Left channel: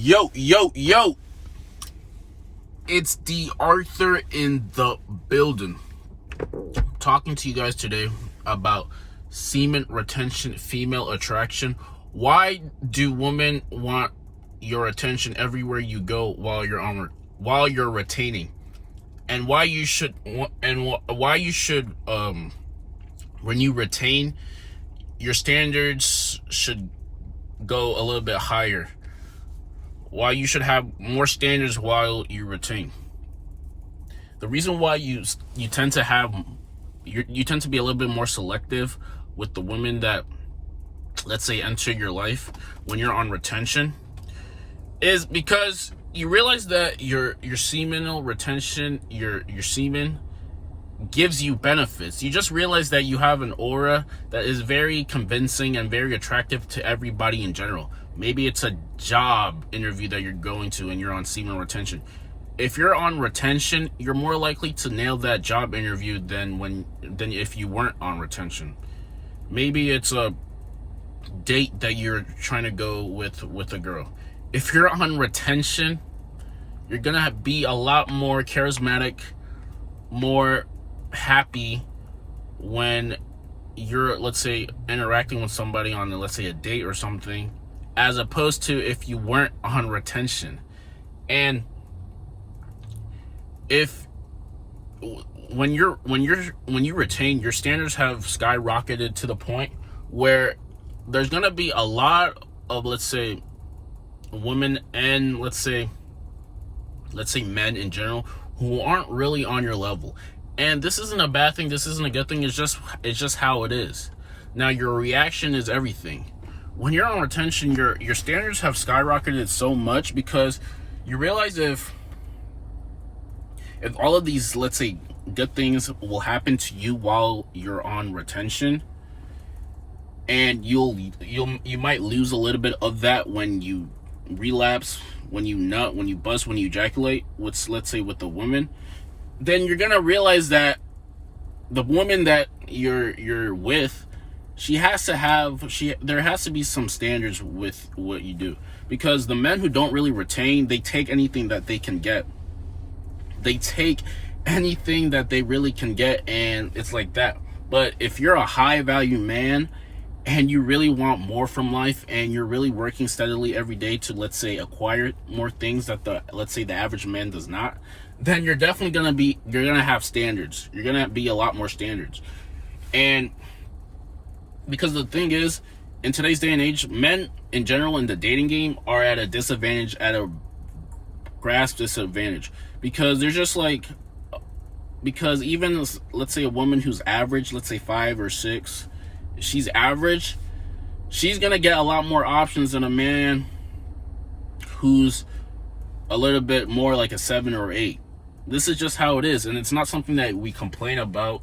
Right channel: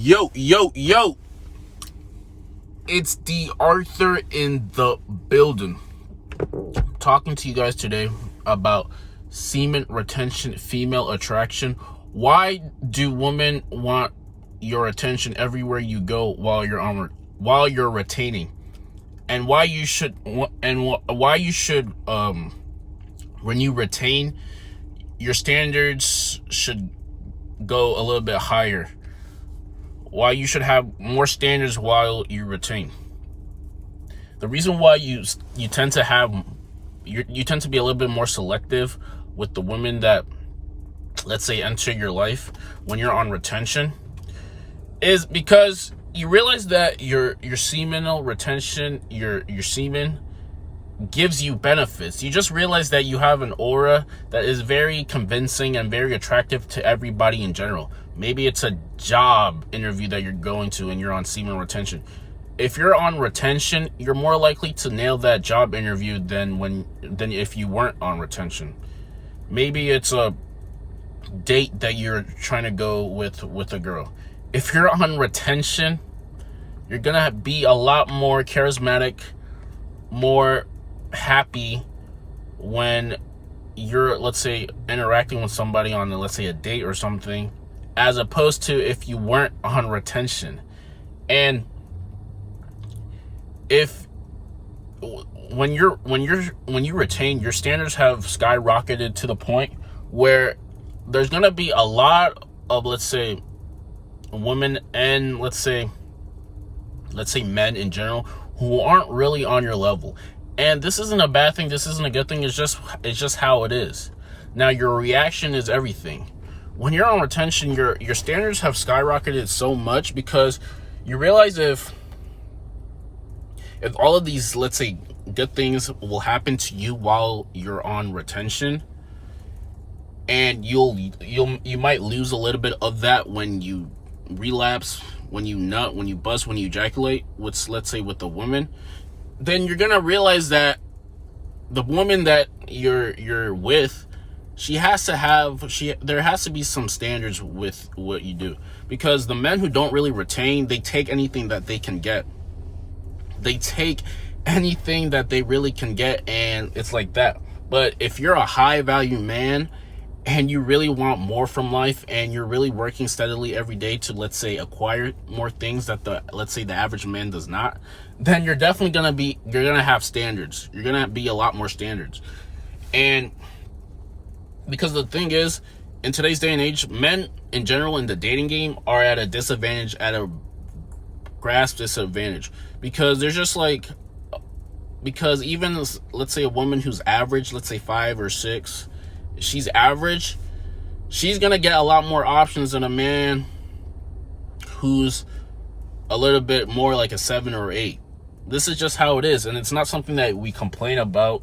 Yo, yo, yo. It's D.Arthur in the building. Talking to you guys today about semen retention, female attraction. Why do women want your attention everywhere you go while you're retaining? And why you should when you retain, your standards should go a little bit higher. Why you should have more standards while you retain. The reason why you tend to be a little bit more selective with the women that, let's say, enter your life when you're on retention is because you realize that your seminal retention, your semen gives you benefits. You just realize that you have an aura that is very convincing and very attractive to everybody in general. Maybe it's a job interview that you're going to and you're on semen retention. If you're on retention, you're more likely to nail that job interview than if you weren't on retention. Maybe it's a date that you're trying to go with a girl. If you're on retention, you're gonna be a lot more charismatic, more happy when you're, let's say, interacting with somebody on, let's say, a date or something, as opposed to if you weren't on retention. And when you retain, your standards have skyrocketed to the point where there's gonna be a lot of, let's say, women and let's say men in general who aren't really on your level. And this isn't a bad thing, this isn't a good thing, it's just how it is. Now, your reaction is everything. When you're on retention, your standards have skyrocketed so much because you realize if all of these, let's say, good things will happen to you while you're on retention, and you might lose a little bit of that when you relapse, when you nut, when you bust, when you ejaculate, let's say with the woman, then you're gonna realize that the woman that you're with, there has to be some standards with what you do. Because the men who don't really retain, they take anything that they can get. They take anything that they really can get, and it's like that. But if you're a high value man and you really want more from life and you're really working steadily every day to, let's say, acquire more things that the average man does not, then you're definitely gonna have standards. You're gonna be a lot more standards. And because the thing is, in today's day and age, men in general in the dating game are at a disadvantage, at a grasp disadvantage, because they're just like, because even, let's say, a woman who's average, let's say 5 or 6, she's average, she's gonna get a lot more options than a man who's a little bit more like a 7 or 8. This is just how it is, and it's not something that we complain about.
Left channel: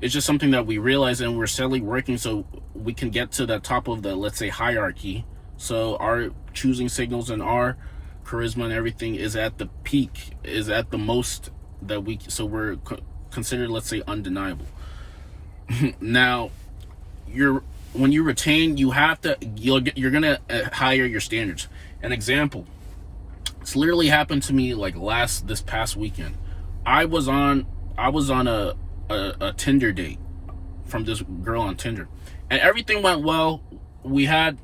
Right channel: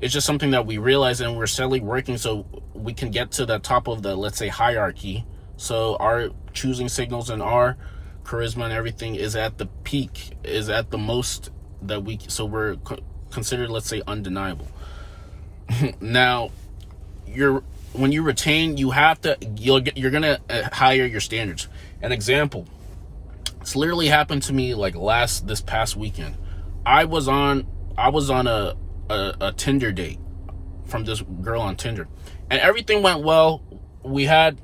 It's just something that we realize, and we're steadily working so we can get to the top of the, let's say, hierarchy. So our choosing signals and our charisma and everything is at the peak, is at the most that so we're considered, let's say, undeniable. Now, when you retain, you're gonna higher your standards. An example, it's literally happened to me like this past weekend. I was on a Tinder date from this girl on Tinder, and everything went well. We had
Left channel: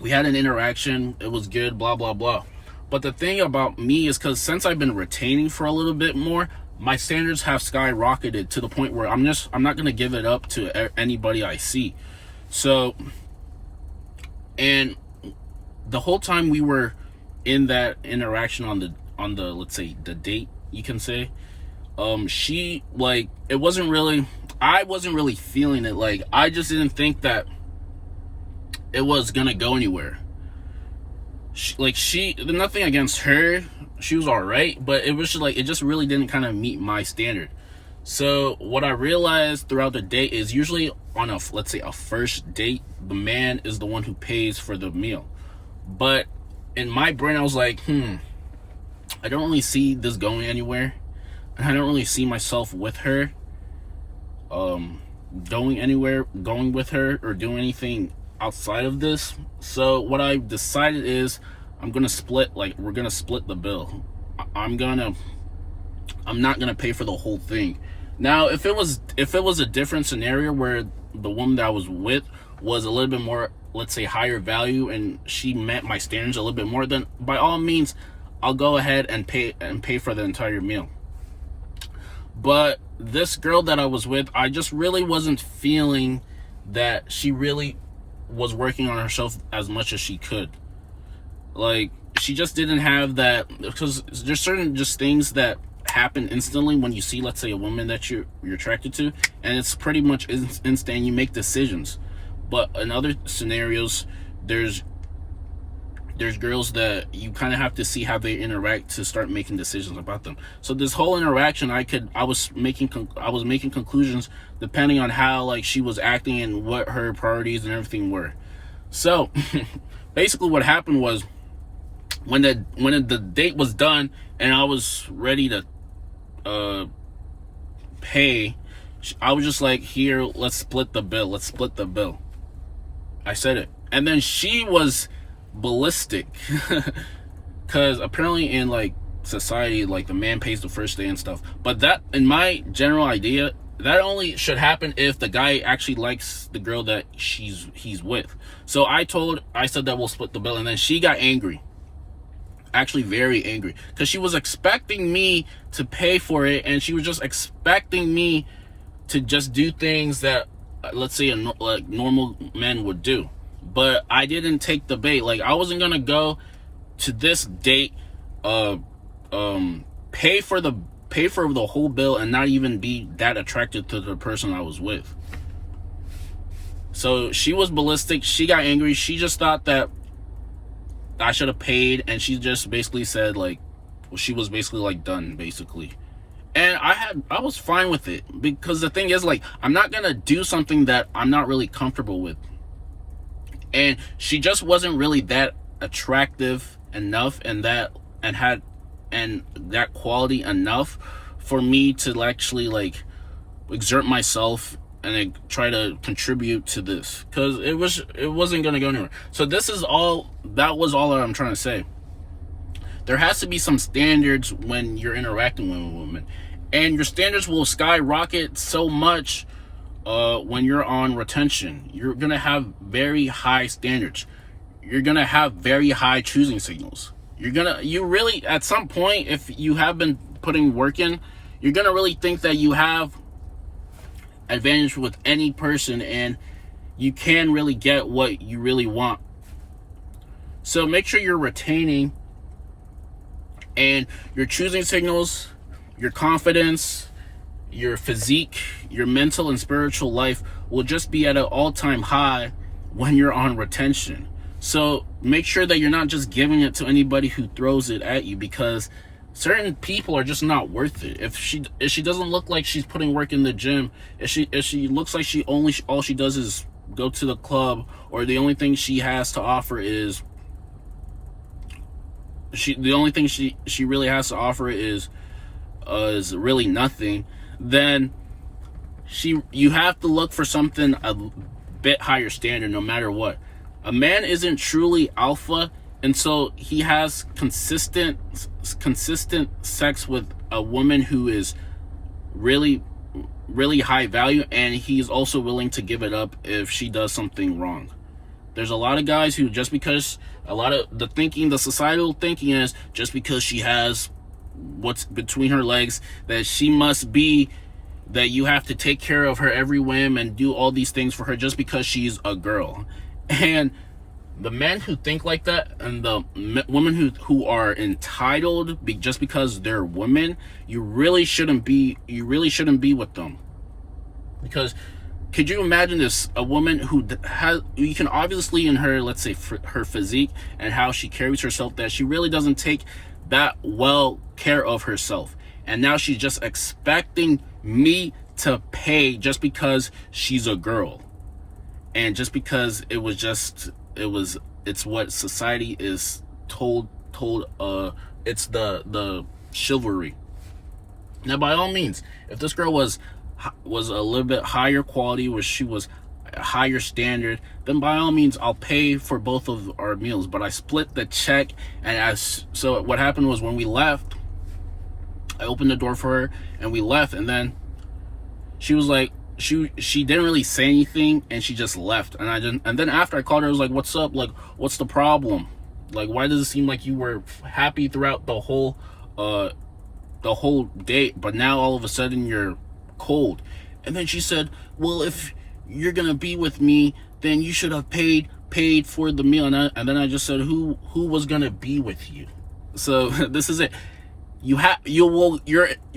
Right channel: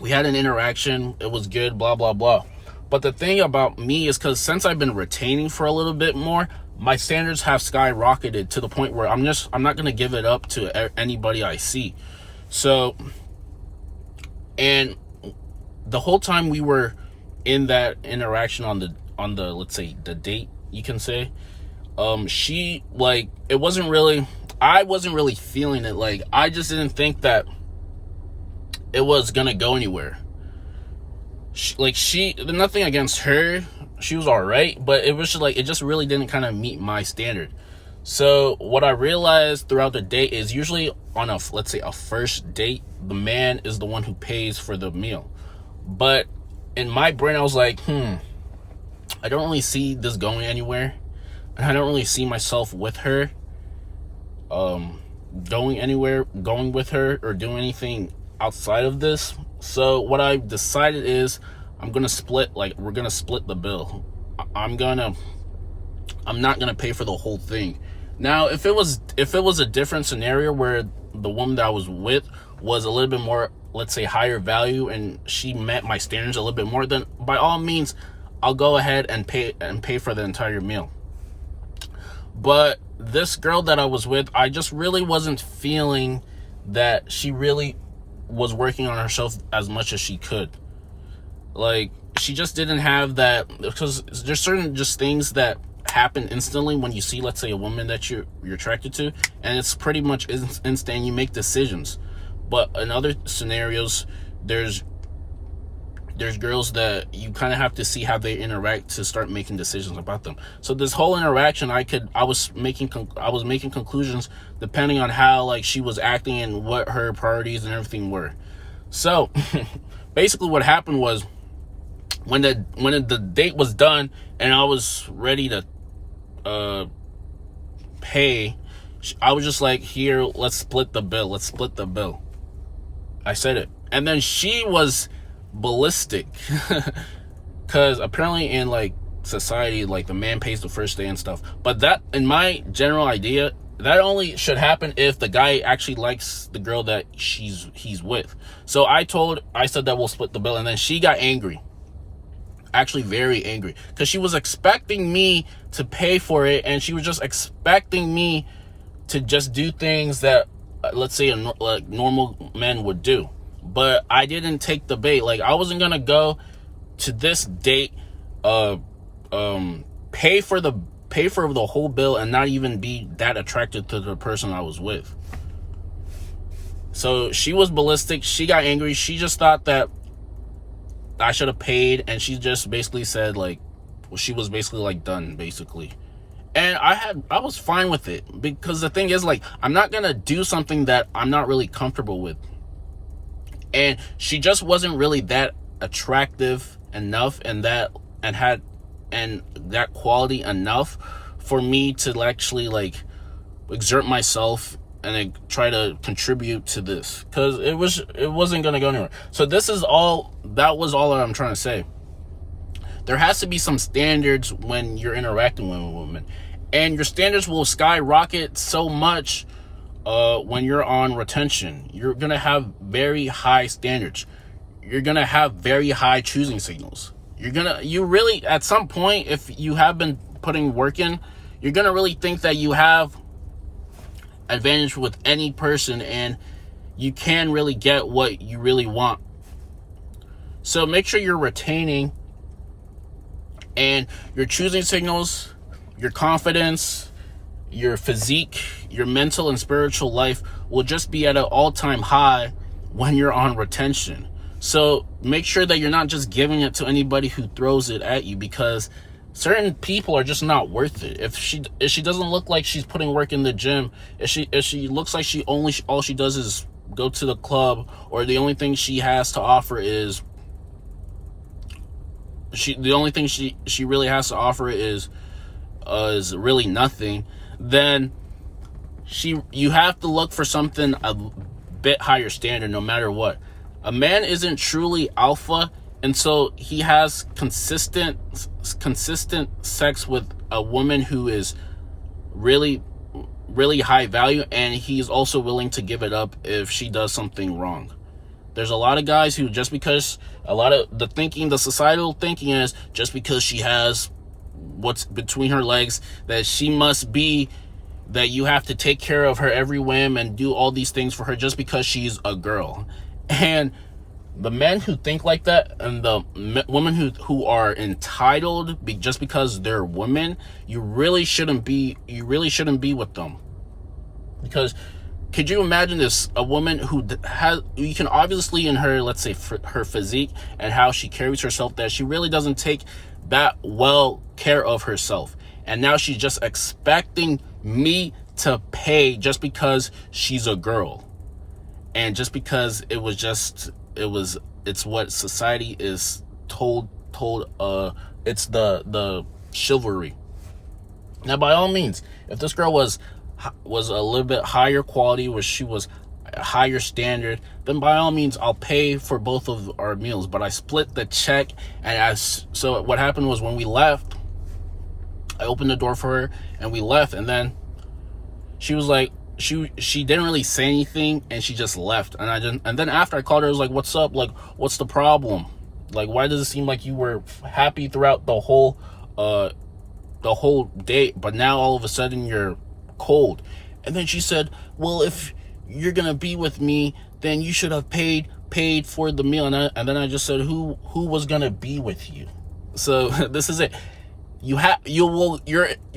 an interaction, it was good, blah blah blah. But the thing about me is, because since I've been retaining for a little bit more, my standards have skyrocketed to the point where I'm not gonna give it up to anybody I see. So, and the whole time we were in that interaction on the let's say the date, you can say, she, like, I wasn't really feeling it. Like, I just didn't think that it was gonna go anywhere. Nothing against her, she was all right, but it was just like, it just really didn't kind of meet my standard. So what I realized throughout the day is, usually on let's say a first date, the man is the one who pays for the meal. But in my brain, I was like, I don't really see this going anywhere, and I don't really see myself with her going with her or doing anything outside of this. So what I decided is, I'm gonna split, like, we're gonna split the bill. I'm not gonna pay for the whole thing. Now, if it was a different scenario where the woman that I was with was a little bit more, let's say, higher value, and she met my standards a little bit more, then by all means, I'll go ahead and pay for the entire meal. But this girl that I was with, I just really wasn't feeling that she really was working on herself as much as she could. Like, she just didn't have that, because there's certain just things that happen instantly when you see, let's say, a woman that you're attracted to, and it's pretty much instant. You make decisions. But in other scenarios, there's girls that you kind of have to see how they interact to start making decisions about them. So this whole interaction, I was making conclusions depending on how, like, she was acting and what her priorities and everything were. So basically what happened was, when the date was done and I was ready to pay, I was just like, here, let's split the bill. I said it. And then she was ballistic because apparently in, like, society, like, the man pays the first day and stuff. But that, in my general idea, that only should happen if the guy actually likes the girl that he's with. So I said that we'll split the bill, and then she got angry. Actually very angry, because she was expecting me to pay for it, and she was just expecting me to just do things that, let's say, like, normal men would do. But I didn't take the bait. Like, I wasn't gonna go to this date, pay for the whole bill and not even be that attracted to the person I was with. So she was ballistic. She got angry. She just thought that I should have paid, and she just basically said, like, well, she was basically, like, done, basically. And I was fine with it, because the thing is, like, I'm not gonna do something that I'm not really comfortable with. And she just wasn't really that attractive enough, and that quality enough for me to actually, like, exert myself and try to contribute to this, because it wasn't gonna go anywhere. So that was all that I'm trying to say. There has to be some standards when you're interacting with a woman, and your standards will skyrocket so much when you're on retention. You're gonna have very high standards. You're gonna have very high choosing signals. You really, at some point, if you have been putting work in, you're gonna really think that you have advantage with any person, and you can really get what you really want. So make sure you're retaining, and your choosing signals, your confidence, your physique, your mental and spiritual life will just be at an all-time high when you're on retention. So make sure that you're not just giving it to anybody who throws it at you, because certain people are just not worth it. If she doesn't look like she's putting work in the gym, if she looks like all she does is go to the club, or the only thing she has to offer is she really has to offer is really nothing, then you have to look for something a bit higher standard no matter what. A man isn't truly alpha until he has consistent sex with a woman who is really, really high value, and he's also willing to give it up if she does something wrong. There's a lot of guys who, just because the societal thinking is, just because she has what's between her legs, that you have to take care of her every whim and do all these things for her just because she's a girl. And the men who think like that, and the women who are entitled just because they're women, you really shouldn't be with them. Because could you imagine this? A woman who you can obviously, in her, let's say, her physique and how she carries herself, that she really doesn't take that well care of herself. And now she's just expecting me to pay just because she's a girl. And just because it's what society is told, it's the chivalry. Now, by all means, if this girl was a little bit higher quality, where she was a higher standard, then by all means I'll pay for both of our meals. But I split the check, and so what happened was, when we left, I opened the door for her and we left, and then she was like, she didn't really say anything, and she just left. And then after I called her, I was like, what's up? Like, what's the problem? Like, why does it seem like you were happy throughout the whole date, but now all of a sudden you're cold? And then she said, well, if you're gonna be with me, then you should have paid for the meal. And then I just said, who was gonna be with you? So this is it. Your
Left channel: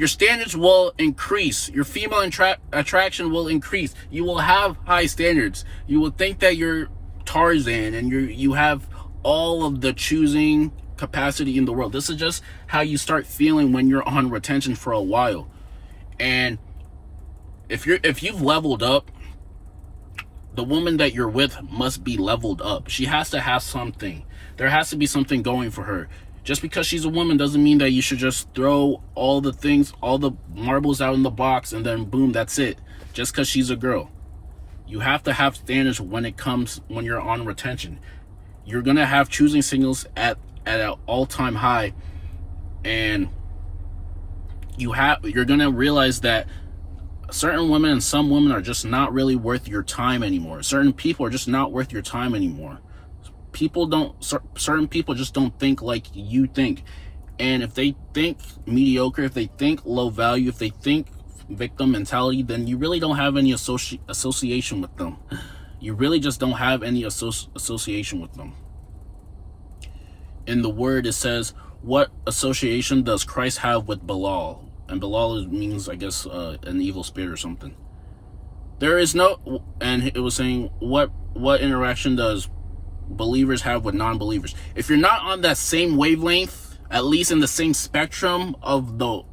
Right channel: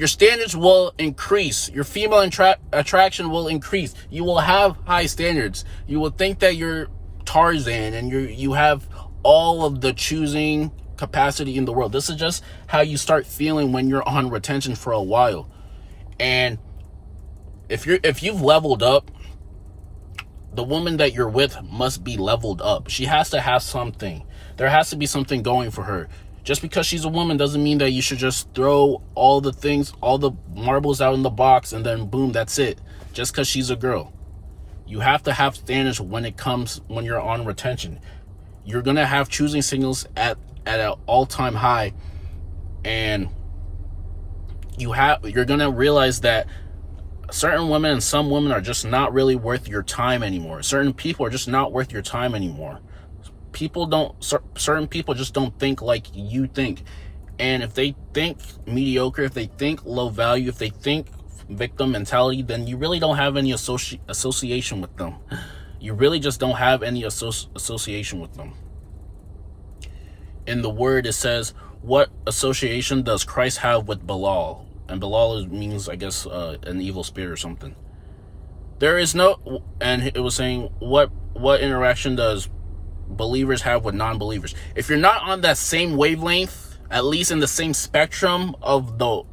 standards will increase. Your female attraction will increase. You will have high standards. You will think that you're Tarzan, and you have all of the choosing capacity in the world. This is just how you start feeling when you're on retention for a while. And if you've leveled up, the woman that you're with must be leveled up. She has to have something. There has to be something going for her. Just because she's a woman doesn't mean that you should just throw all the marbles out in the box, and then boom, that's it. Just because she's a girl. You have to have standards when you're on retention. You're going to have choosing signals at an all-time high, and you're going to realize that certain women and some women are just not really worth your time anymore. Certain people are just not worth your time anymore. Certain people just don't think like you think. And if they think mediocre, if they think low value, if they think victim mentality, then you really don't have any association with them. You really just don't have any association with them. In the word, it says, what association does Christ have with Belial? And Belial means, I guess, an evil spirit or something. There is no, and it was saying, what interaction does believers have with non-believers? If you're not on that same wavelength, at least in the same spectrum of the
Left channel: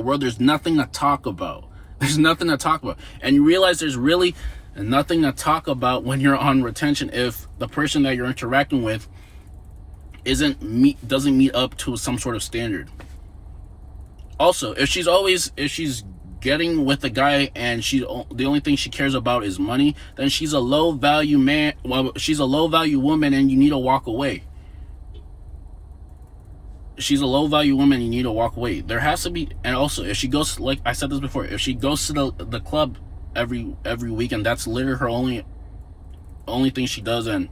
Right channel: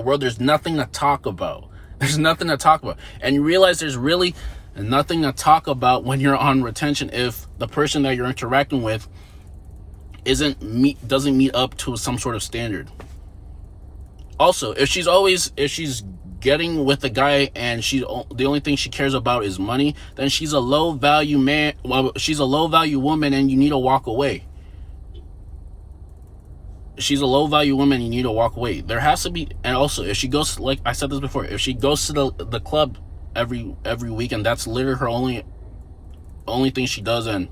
world, there's nothing to talk about. There's nothing to talk about. And you realize there's really nothing to talk about when you're on retention if the person that you're interacting with doesn't meet up to some sort of standard. Also, if she's getting with a guy and the only thing she cares about is money, then she's a low value man. Well, she's a low value woman, and you need to walk away. She's a low value woman, you need to walk away. There has to be, and also if she goes, like I said this before, if she goes to the club every weekend, that's literally her only thing she does, and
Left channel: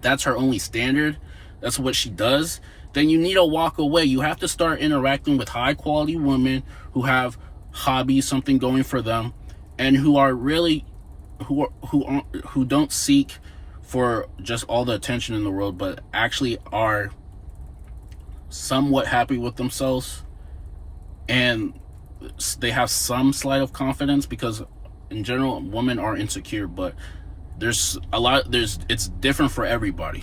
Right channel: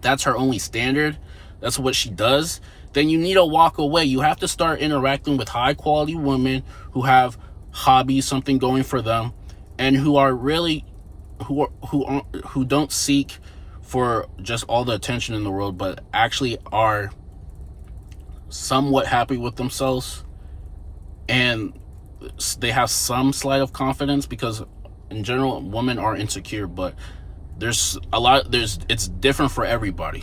that's her only standard, that's what she does, then you need to walk away. You have to start interacting with high quality women who have hobbies, something going for them, and who are really who don't seek for just all the attention in the world, but actually are somewhat happy with themselves, and they have some slight of confidence, because in general women are insecure, but it's different for everybody.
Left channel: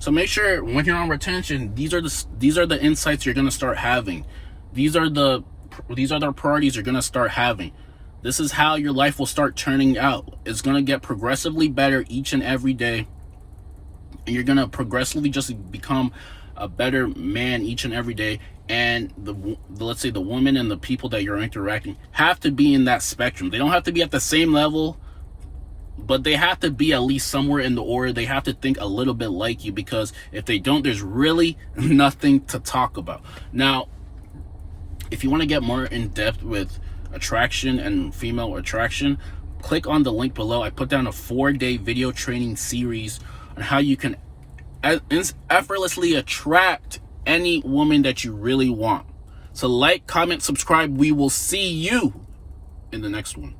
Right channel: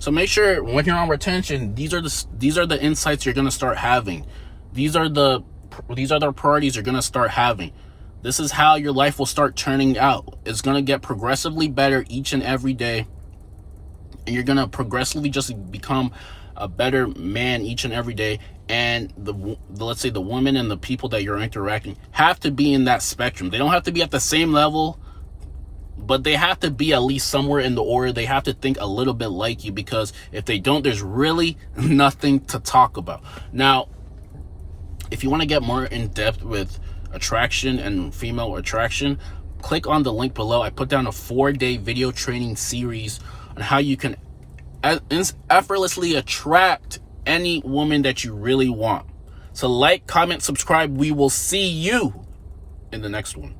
So make sure when you're on retention, these are the insights you're going to start having. These are the priorities you're going to start having. This is how your life will start turning out. It's going to get progressively better each and every day, and you're going to progressively just become a better man each and every day. And let's say the women and the people that you're interacting have to be in that spectrum. They don't have to be at the same level, but they have to be at least somewhere in the order. They have to think a little bit like you, because if they don't, there's really nothing to talk about. Now, if you want to get more in depth with attraction and female attraction, click on the link below. I put down a 4-day video training series on how you can effortlessly attract any woman that you really want. So like, comment, subscribe. We will see you in the next one.